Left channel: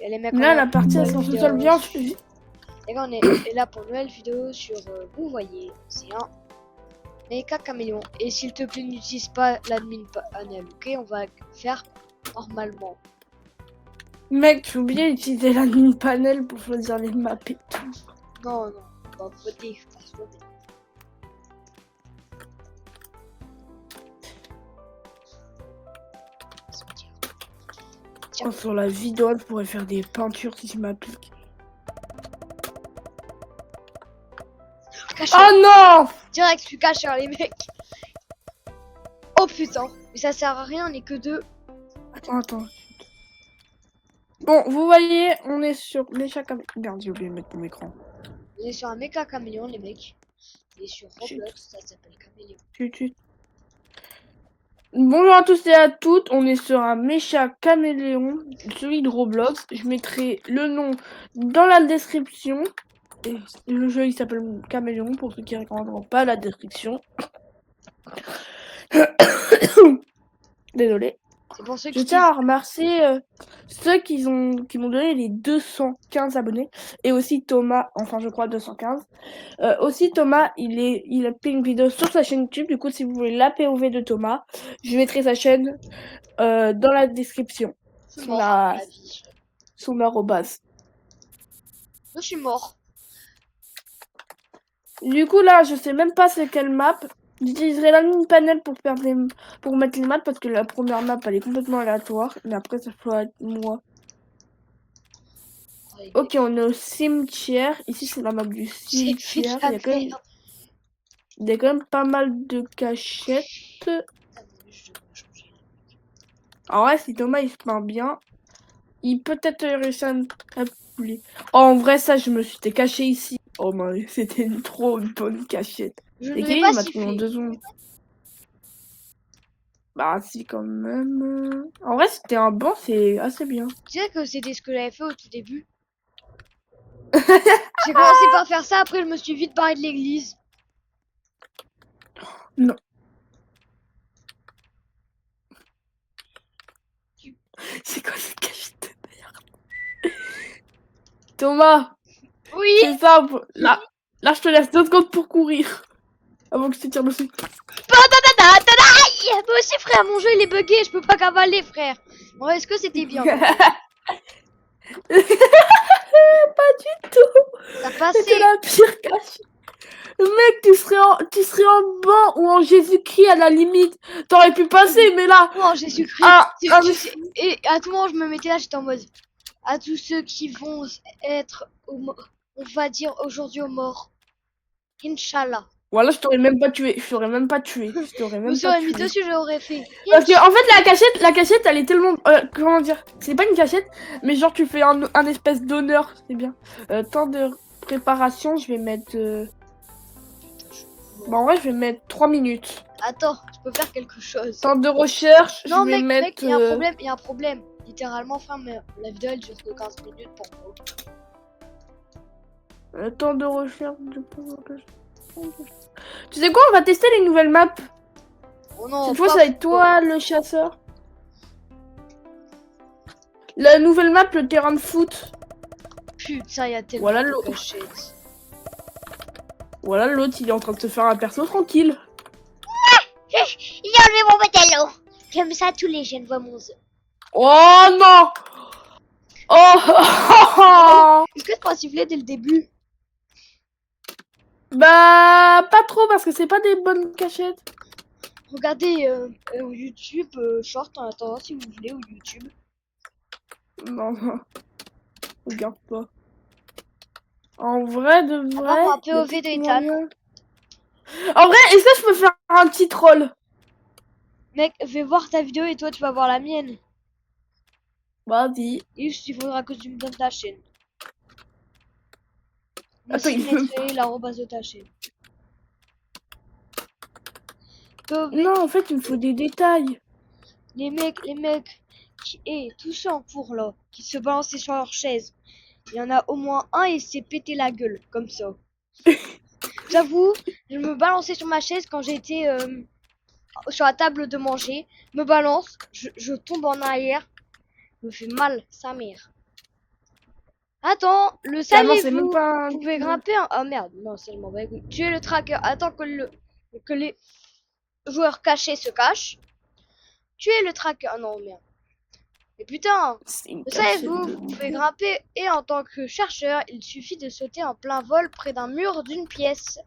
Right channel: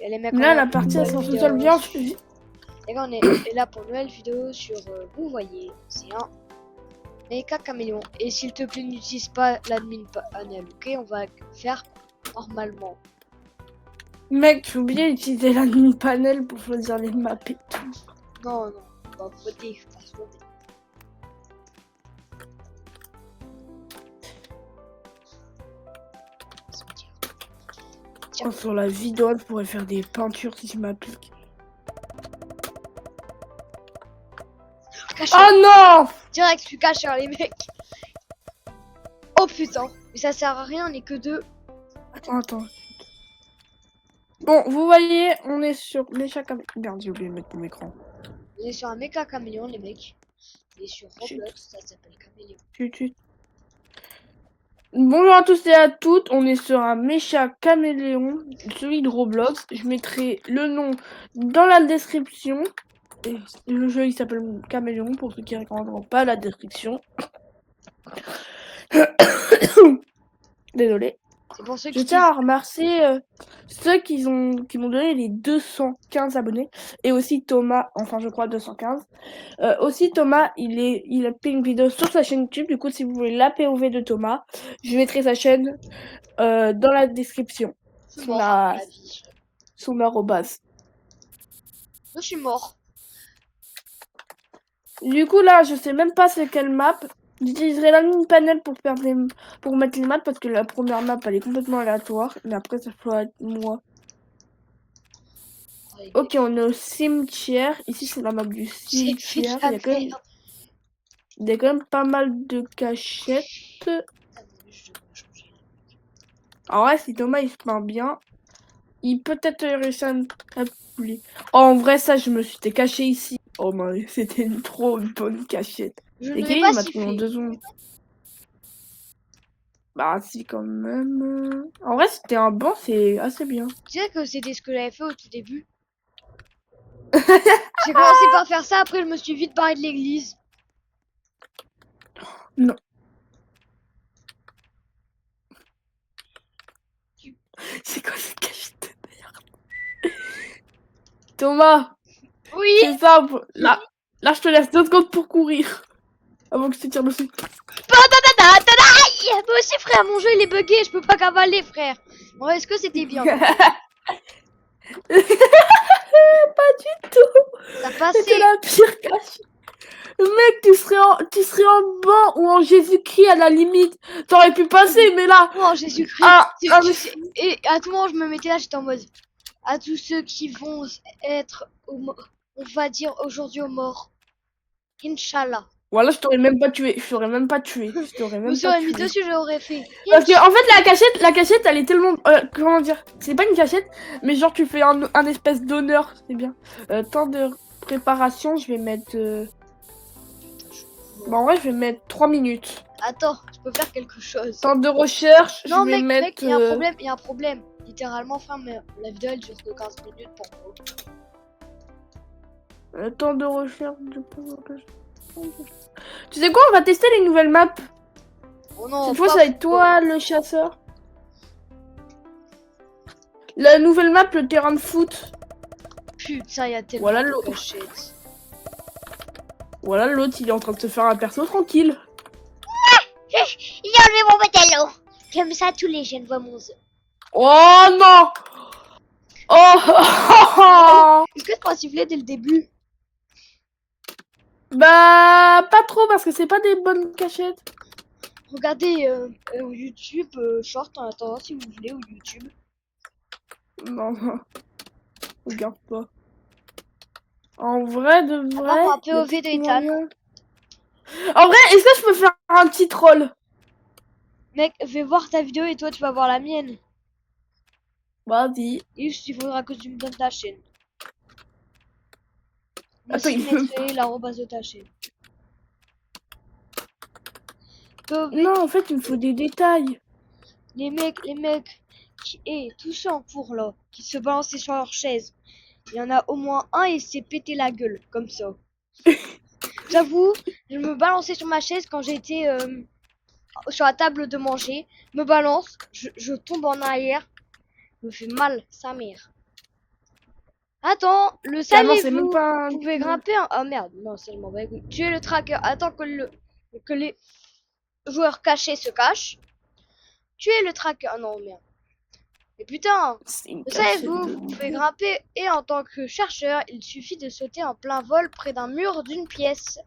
Et les mecs, Là, la partie elle s'en sort bien. Les gars, on est là pour une nouvelle vidéo sur, vous voyez, c'est un méca caméléon. Et s'il te plaît, n'utilise pas l'admin panel, ok? On va faire normalement. Mec, tu oublies d'utiliser l'admin panel pour choisir les maps et tout. Non, non, on va voter, faut se voter. Oh, sur la vidéo, je pourrais faire des peintures si je m'applique. Oh non! Direct, tu caches les mecs. Oh putain, mais ça sert à rien, on est que deux. Attends. Bon, vous voyez, on est sur Mécha Caméléon. Merde, j'ai oublié de mettre mon écran. On est sur un méca caméléon, les mecs. Et sur Roblox, ça s'appelle caméléon. Bonjour à tous et à toutes, on est sur un Mécha Caméléon, celui de Roblox. Je mettrai le nom dans la description. Le jeu il s'appelle Caméléon pour ceux qui ne regarderont pas la description. Désolé. C'est pour ceux qui je tiens à remercier ceux qui m'ont donné les 215 abonnés. Et aussi Thomas, enfin je crois 215. Aussi Thomas, il a fait une vidéo sur sa chaîne YouTube. Du coup, si vous voulez la POV de Thomas, je mettrai sa chaîne dans la description. Je suis mort à la vie. Son arrobas. Je suis mort. Du coup là, je sais même pas c'est quelle map. J'utiliserai la mini panel pour mettre les maps parce que la première map elle est complètement aléatoire. Mais après ça peut être moi. Ok, on est au cimetière. Ici c'est la map du cimetière. Il y a quand même pas mal de cachettes. Ah ouais, si Thomas il se plaint bien, il peut être réussi à me publier. Oh, en vrai, ça, je me suis caché ici. Oh, mais c'était trop une bonne cachette. Je ne vais pas siffler. Bah, si, quand même. En vrai, c'était un banc, c'est assez bien. Tu sais que c'était ce que j'avais fait au tout début. J'ai commencé par faire ça, après je me suis vite barré de l'église. Non. C'est quoi cette cachette de merde? Thomas. Oui. C'est ça. Là, je te laisse 2 secondes pour courir. Avant que je te tire dessus. Moi aussi, frère, mon jeu il est bugué, je peux pas cavaler, frère. Bon, est-ce que c'était bien? Pas du tout. Ça passait. La pire cachette. Mec, tu serais en banc ou en Jésus-Christ à la limite. T'aurais pu passer, mais là. Non, en Jésus-Christ. Tu sais, et à tout moment, je me mettais là, j'étais en mode. À tous ceux qui vont être, on va dire aujourd'hui aux morts. Inch'Allah. Voilà, je t'aurais même pas tué. Je t'aurais même pas tué. Je me serais mis dessus, j'aurais fait. Parce que, en fait, la cachette, elle est tellement. Comment dire? C'est pas une cachette, mais genre, tu fais un espèce d'honneur. C'est bien. Temps de préparation, je vais mettre. Bon, en vrai, je vais mettre 3 minutes. Attends, je peux faire quelque chose. Temps de recherche. Non, je vais mec, mettre, il y a un problème. Littéralement, frère, mais la vidéo elle dure que 15 minutes pour moi. Temps de recherche. Tu sais quoi, on va tester les nouvelles maps. Oh non, cette fois, ça va être toi le chasseur. La nouvelle map, le terrain de foot. Putain, il y a tellement de cachettes. Voilà, l'autre, il est en train de se faire un perso tranquille. Il a enlevé mon pantalon. Comme ça, tous les jeunes voient mon œuf. Oh non. Oh. Est-ce que tu peux siffler dès le début? Bah, pas trop parce que c'est pas des bonnes cachettes. Regardez YouTube short en attendant si vous voulez ou YouTube. Non, regarde pas. En vrai, de vrai. Un POV de Ethan. En vrai, est-ce que je peux faire un petit troll? Mec, vais voir ta vidéo et toi tu vas voir la mienne. Vas-y. Juste, il faudra que tu me donnes ta chaîne. Moi aussi, je mettrai l'arrobase de ta chaîne. POV. Non, en fait, il me faut des détails. Les mecs tous ceux en cours là, qui se balançaient sur leur chaise. Il y en a au moins un et s'est pété la gueule, comme ça. J'avoue, je me balançais sur ma chaise quand j'étais sur la table de manger. Me balance, je tombe en arrière. Me fait mal, sa mère. Attends, le Carrément, c'est même savez-vous? pas Vous pouvez grimper en... Ah merde, non, c'est le mauvais. Tuer le tracker. Attends que les joueurs cachés se cachent. Tuer le tracker. Ah non, merde. Mais putain, C'est une le cachette. savez-vous? Vous pouvez grimper et en tant que chercheur, il suffit de sauter en plein vol près d'un mur d'une pièce.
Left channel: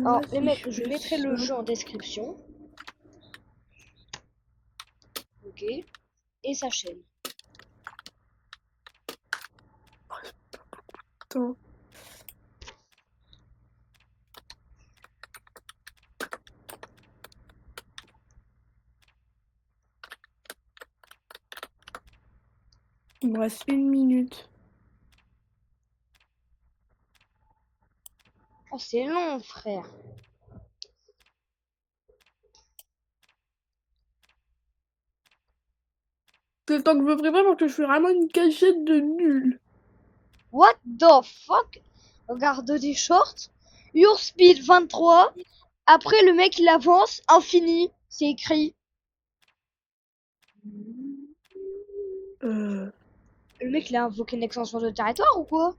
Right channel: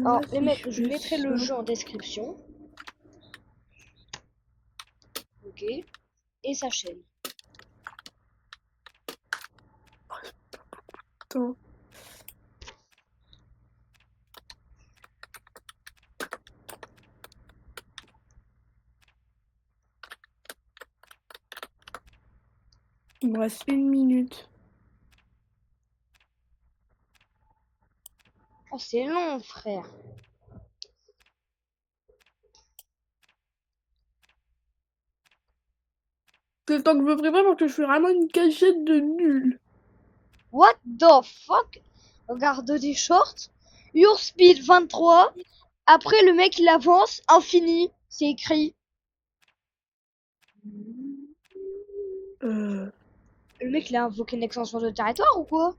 Alors, les mecs, je mettrai le jeu en description. Ok. Et sa chaîne. Attends. Il me reste 1 minute. Oh, c'est long, frère. C'est le temps que je me prépare parce que je fais vraiment une cachette de nul. What the fuck? Regarde des shorts. Your speed 23. Après, le mec, il avance. Infini. C'est écrit. Le mec, il a invoqué une extension de territoire ou quoi?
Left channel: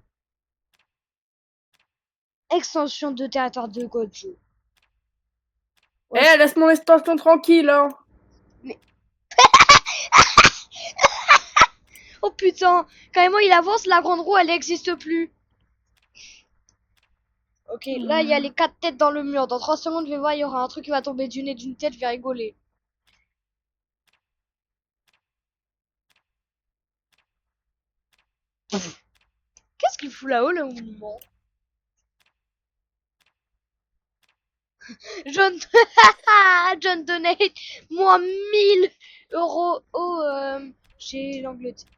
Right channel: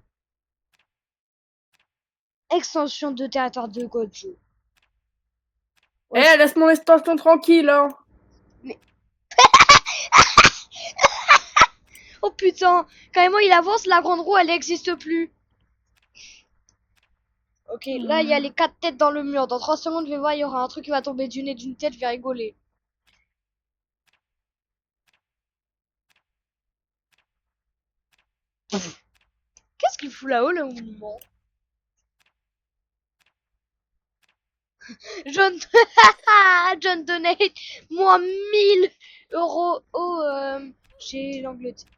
Extension de territoire de Gojo. Eh, laisse mon extension tranquille, hein. Mais... oh putain, carrément il avance, la grande roue elle n'existe plus. Ok, là il y a les 4 têtes dans le mur. Dans 3 secondes, je vais voir, il y aura un truc qui va tomber du nez d'une tête, je vais rigoler. Qu'est-ce qu'il fout là-haut, le mouvement? John... John donate moins 1000 € chez l'Angleterre.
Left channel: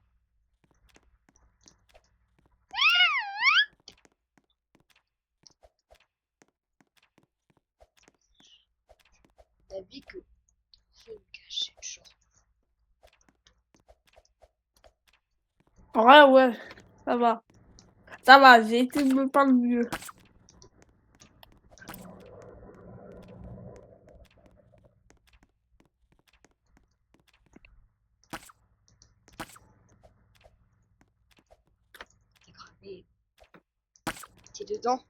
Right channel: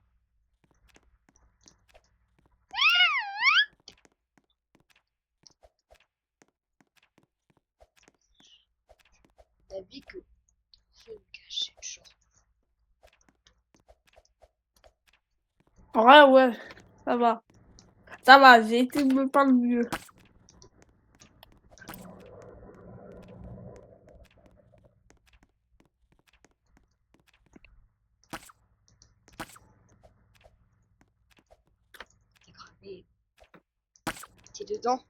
T'as vu que je me cacher le short. Ouais, ça va. Ça va, j'ai été pas le mieux. T'es cramé. T'es dedans.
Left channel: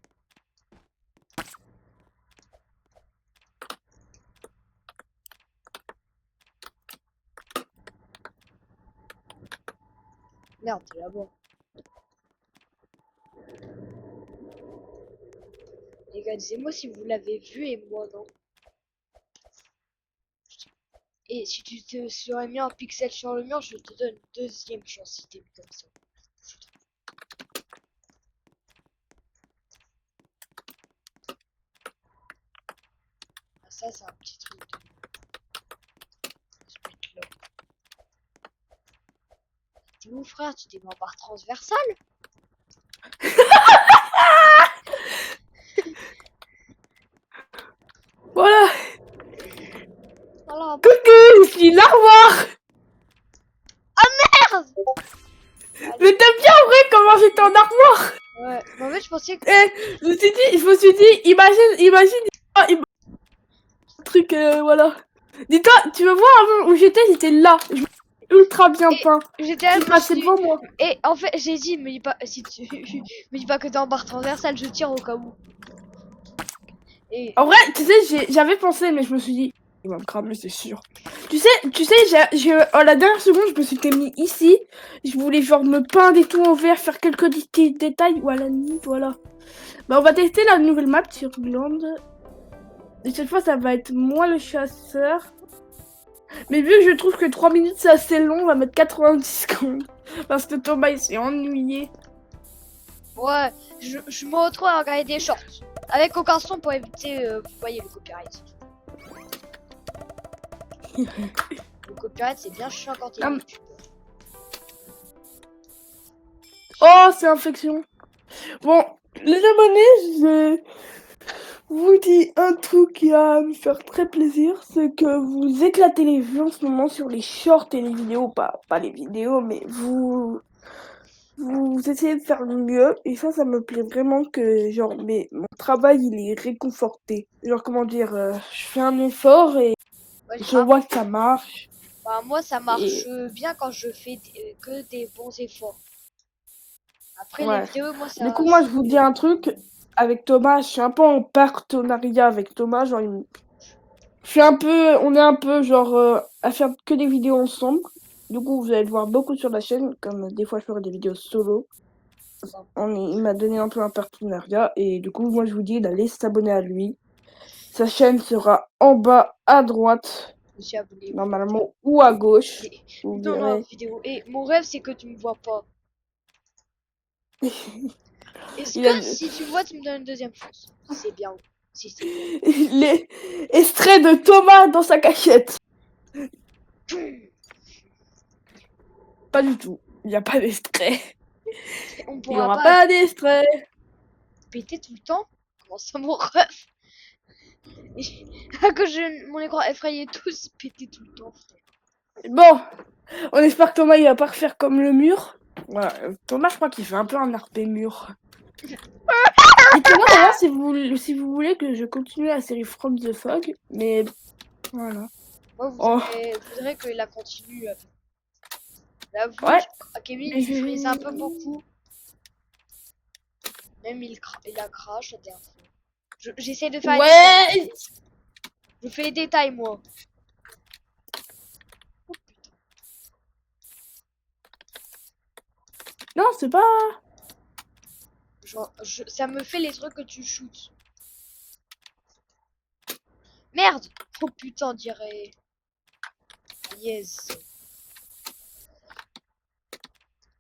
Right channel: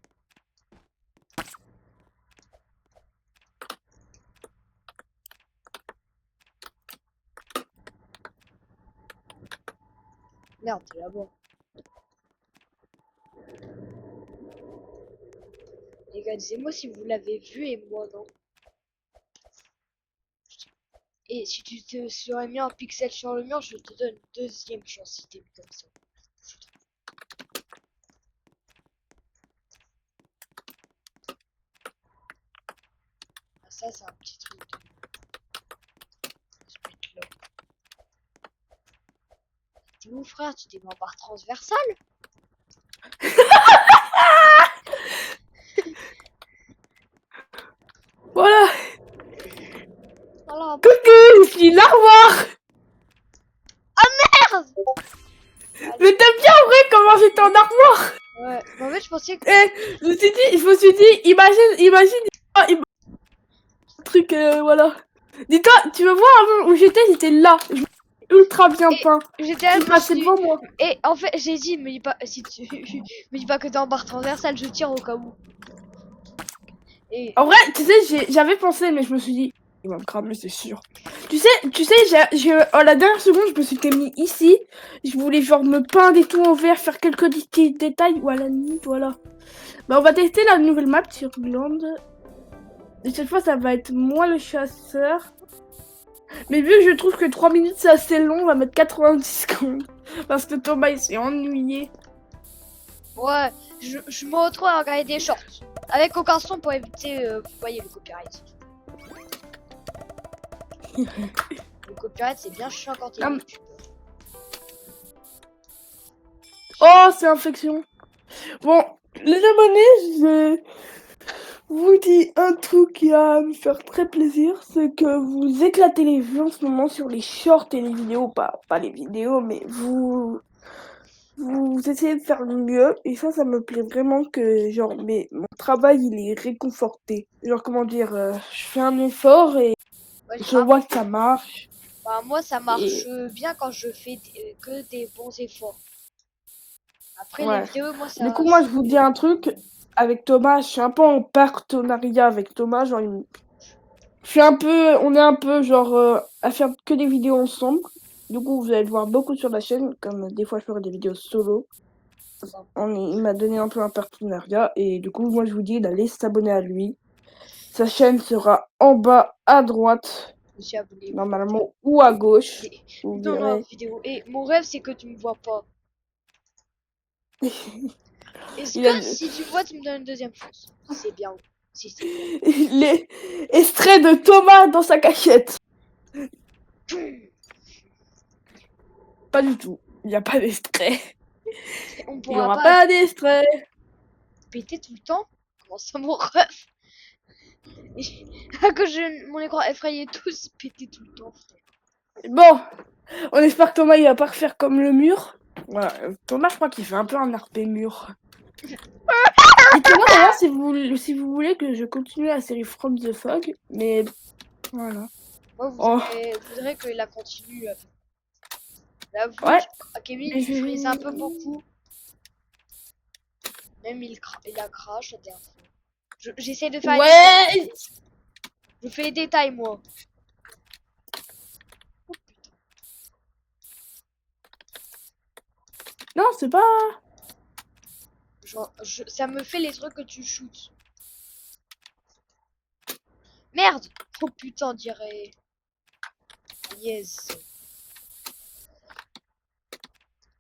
Merde, t'es là-bas. Les gars, disez-moi si vous l'avez vu et moi non. Et si tu te serais mis un pixel sur le mur, je te donne une deuxième chance si t'es mis comme ça. Ah, ça, c'est un petit truc de... se mettre là. T'es où, frère? Tu t'es mis en barre transversale? Voilà. Alors, Coucou, je suis l'armoire. merde! Mais t'as bien en vrai comment j'étais en armoire. Ouais, mais en fait, je pensais que... Je me suis dit, imagine un truc, voilà. Dis-toi, tu me vois avant où j'étais là. Ultra bien Et peint. j'étais là, Tu je me passais suis dit... devant moi. Et en fait, j'ai dit, me dis pas, si tu... me dis pas que t'es en barre transversale, je tire au cas où. Et... En vrai, tu sais, j'avais pensé, mais je me suis dit, il va me cramer, c'est sûr. Tu sais, à la dernière seconde, je me suis mis ici. Je voulais genre me peindre et tout en vert, faire quelques petits détails. Voilà, voilà. Bah, on va tester la nouvelle map sur Land. Et cette fois, ça va être moi le chasseur. Mais vu que je trouve que 3 minutes c'est assez long, on va mettre 90 secondes. Parce que Thomas il s'est ennuyé. Ouais, je me retrouve à regarder des shorts. Avec aucun son pour éviter, vous voyez, le copyright. Le copyright, c'est bien chiant quand t'es youtubeur. Oh, c'est infection. Bon, les abonnés, je vous dis un truc qui va me faire très plaisir, c'est que vous éclatez les vues en ce moment sur les shorts et les vidéos, pas les vidéos, mais vous essayez de faire le mieux, et ça me plaît vraiment que, genre, mon travail, il est réconforté. Genre, comment dire, je fais un effort et Ouais, je vois que ça marche. bah, moi, ça marche bien quand je fais que des bons efforts. Après, les Ouais. vidéos, moi, Du ça... coup, moi, je vous dis un truc. Avec Thomas, je suis un peu en partenariat avec Thomas. Genre, je suis un peu... On est un peu, genre, à faire que des vidéos ensemble. Du coup, vous allez le voir beaucoup sur la chaîne. Comme des fois, je ferai des vidéos solo. Il m'a donné un peu un partenariat. Et du coup, moi, je vous dis d'aller s'abonner à lui. Sa chaîne sera en bas à droite. Je me suis abonné. Normalement, ou à gauche. Et- Vous Dans verrez. la vidéo. Et mon rêve, c'est que tu me vois pas. Est-ce Il que a- si tu me vois, tu me donnes une deuxième chance? C'est bien. Si c'est bien. Les extraits de Thomas dans sa cachette. Pas du tout. Il n'y a pas d'extrait. On Il n'y pourra aura pas pas d'extrait. péter tout le temps? Comment ça, mon rêve? À cause de mon écran effrayé tous péter tout le temps. Bon, on espère que Thomas il va pas refaire comme le mur. Voilà. Thomas, je crois qu'il fait un peu un RP mur. Dites-moi hein, si vous voulez que je continue la série From the Fog, mais voilà. Moi, Oh. je voudrais qu'il la continue. J'avoue, Ouais. Kevin, il frise un peu beaucoup. Même il a crash la dernière fois. J'essaie de faire les détails. Ouais. Je fais les détails, moi. Oh, putain. Non, c'est pas. Genre, ça me fait les trucs que tu shootes. Merde! Oh putain, on dirait. Yes.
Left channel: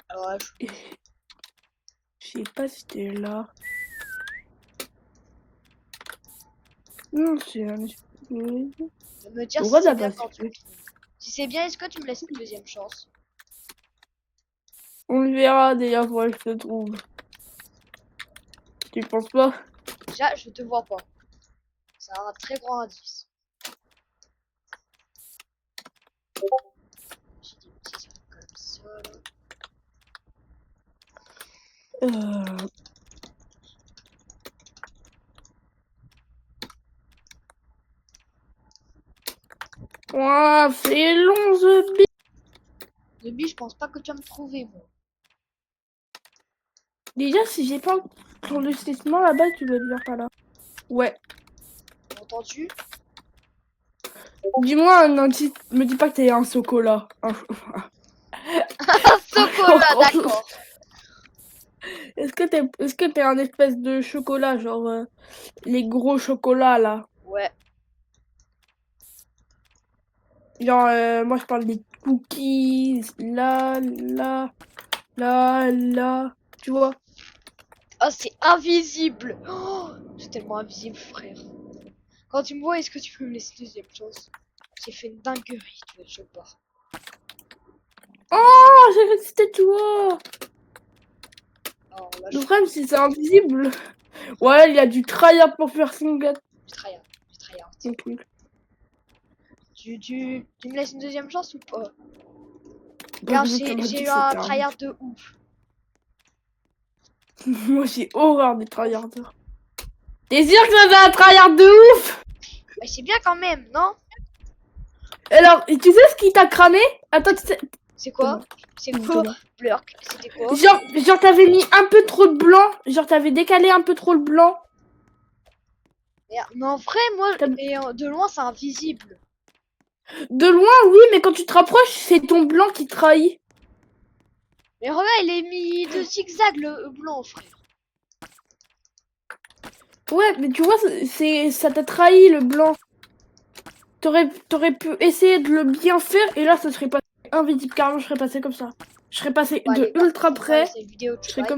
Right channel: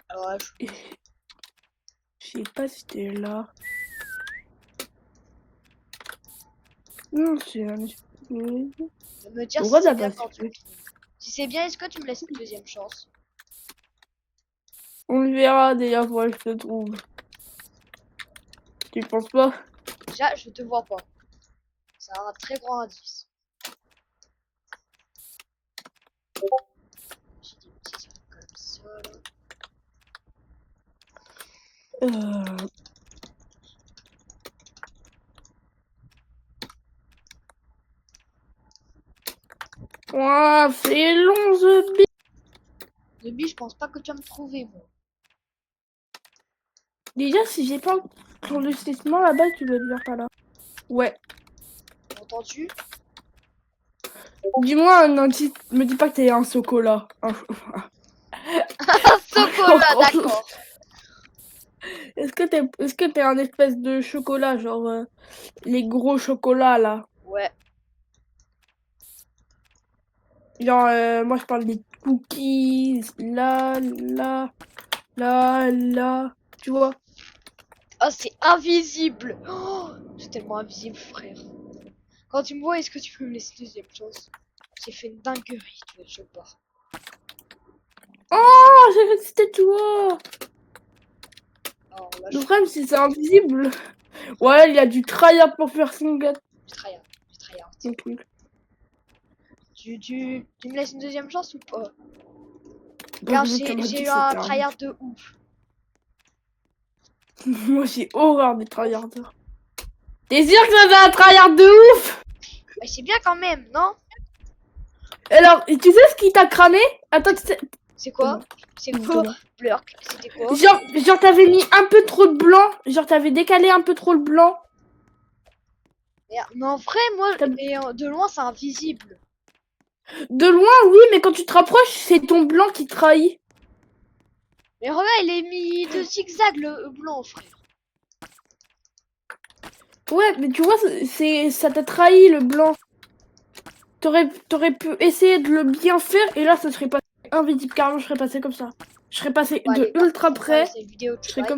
Alors là, Je sais pas si t'es là. Non, c'est un. de me dire On si va c'est la bien passer. quand tu le trouves. Si c'est bien, est-ce que tu me laisses une deuxième chance? On le verra d'ailleurs quand je te trouve. Tu penses pas? Déjà, je te vois pas. C'est un très grand indice. J'ai des petits trucs comme ça là. Ouah, c'est long, The Bee. The Bee, je pense pas que tu vas me trouver, moi. Déjà, si j'ai pas l'enregistrement là-bas, tu vas le voir par là. Ouais. Entends-tu? Dis-moi un indice. Me dis pas que t'es un chocolat. Un chocolat, d'accord. Est-ce que t'es un espèce de chocolat, genre les gros chocolats là? Ouais. Genre, moi je parle des cookies, là, tu vois? Oh, c'est invisible. Oh, c'est tellement invisible, frère. Quand tu me vois, est-ce que tu peux me laisser une deuxième chance? J'ai fait une dinguerie, tu vois, je pars. Oh, j'ai cru que c'était toi! Alors là, Le problème, c'est que c'est invisible. Ouais, il y a du tryhard pour faire single. je tryhard. Je tryhard. Ok. Tu me laisses une deuxième chance ou pas? Moi, Car je veux que j'ai eu tu un fasses tryhard de ouf. Moi, j'ai horreur des tryharders. T'es sûr que ça va un tryhard de ouf? Bah, c'est bien quand même, non? Alors, tu sais ce qui t'a cramé? Attends, tu sais... C'est quoi? C'est quoi? Blurk, c'était quoi? Genre t'avais mis un peu trop de blanc. Genre t'avais décalé un peu trop le blanc. Mais en vrai, moi, de loin, c'est invisible. De loin, oui, mais quand tu te rapproches, c'est ton blanc qui trahit. Mais regarde, il est mis de zigzag le blanc, frère. Ouais, mais tu vois, ça t'a trahi le blanc. T'aurais pu essayer de le bien faire et là, ça serait pas invisible. Carrément, je serais passé comme ça. Je serais passé Bon, de allez, ultra on va près. arrêter cette vidéo, Je serais bye. comme